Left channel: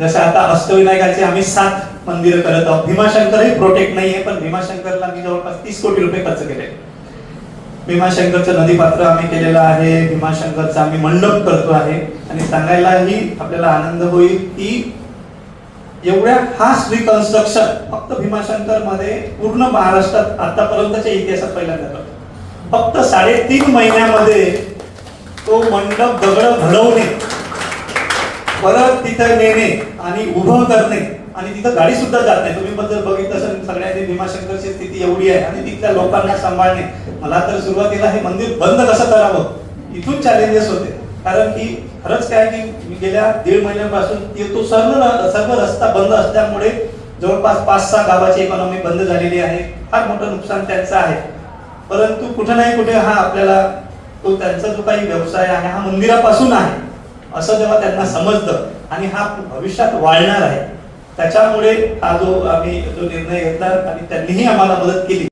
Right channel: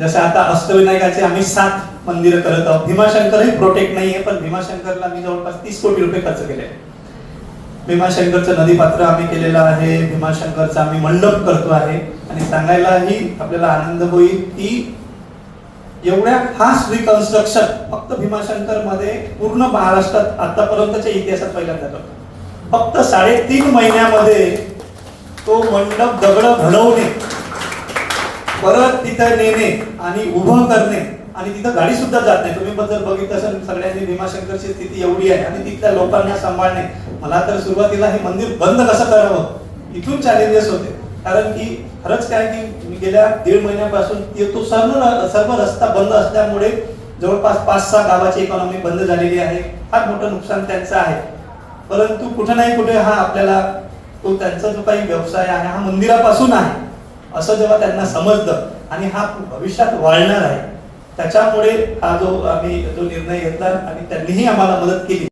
जसं आता अष्टविनायकाचे आम्ही 7 मंदिरं करत आहोत. भीमाशंकरही प्रोटेक्ट नाहीये, पण भीमाशंकरला मी जवळपास 30 कोटी रुपये खर्च केले. भीमाशंकरचं नदीपात्र आम्ही केलेलं आहे, भीमाशंकरचा आम्ही मंडप करतो आहे. आणि सांगायलाही आपल्याला आनंद होईल की एवढ्या फास्ट रिकन्स्ट्रक्शन फक्त भीमाशंकर मध्ये पूर्ण महाराष्ट्रात आतापर्यंतच्या इतिहासात पहिल्यांदा करतो. फक्त 3.5 महिन्यामध्ये तो मंडप दगड घडवणे, परत तिथं नेणे आणि उभं करणे, आणि तिथं गाडी सुद्धा जात नाही. तुम्ही बद्दल बघितलं असेल सगळ्यांनी, भीमाशंकरची स्थिती एवढी आहे आणि तिथल्या लोकांना सांभाळणे. मला तर सुरुवातीला हे मंदिर बंद कसं करावं इथून चॅलेंजेस होते, कारण की खरंच काय की मी गेल्या 1.5 महिन्यापासून तो सर्व रस्ता बंद असल्यामुळे जवळपास 5-6 गावाची इकॉनॉमी बंद झालेली आहे. फार मोठं नुकसान त्यांचं आहे. परंतु कुठे नाही कुठे हा आपल्याला तो त्यांचा जो काही व्यवसाय आहे हा मंदिरापासून आहे असं जेव्हा त्यांना समजतं आणि हा भविष्यात वाढणार आहे, त्याच्यामुळे हा जो निर्णय घेतला आणि त्यांनीही आम्हाला मदत केली.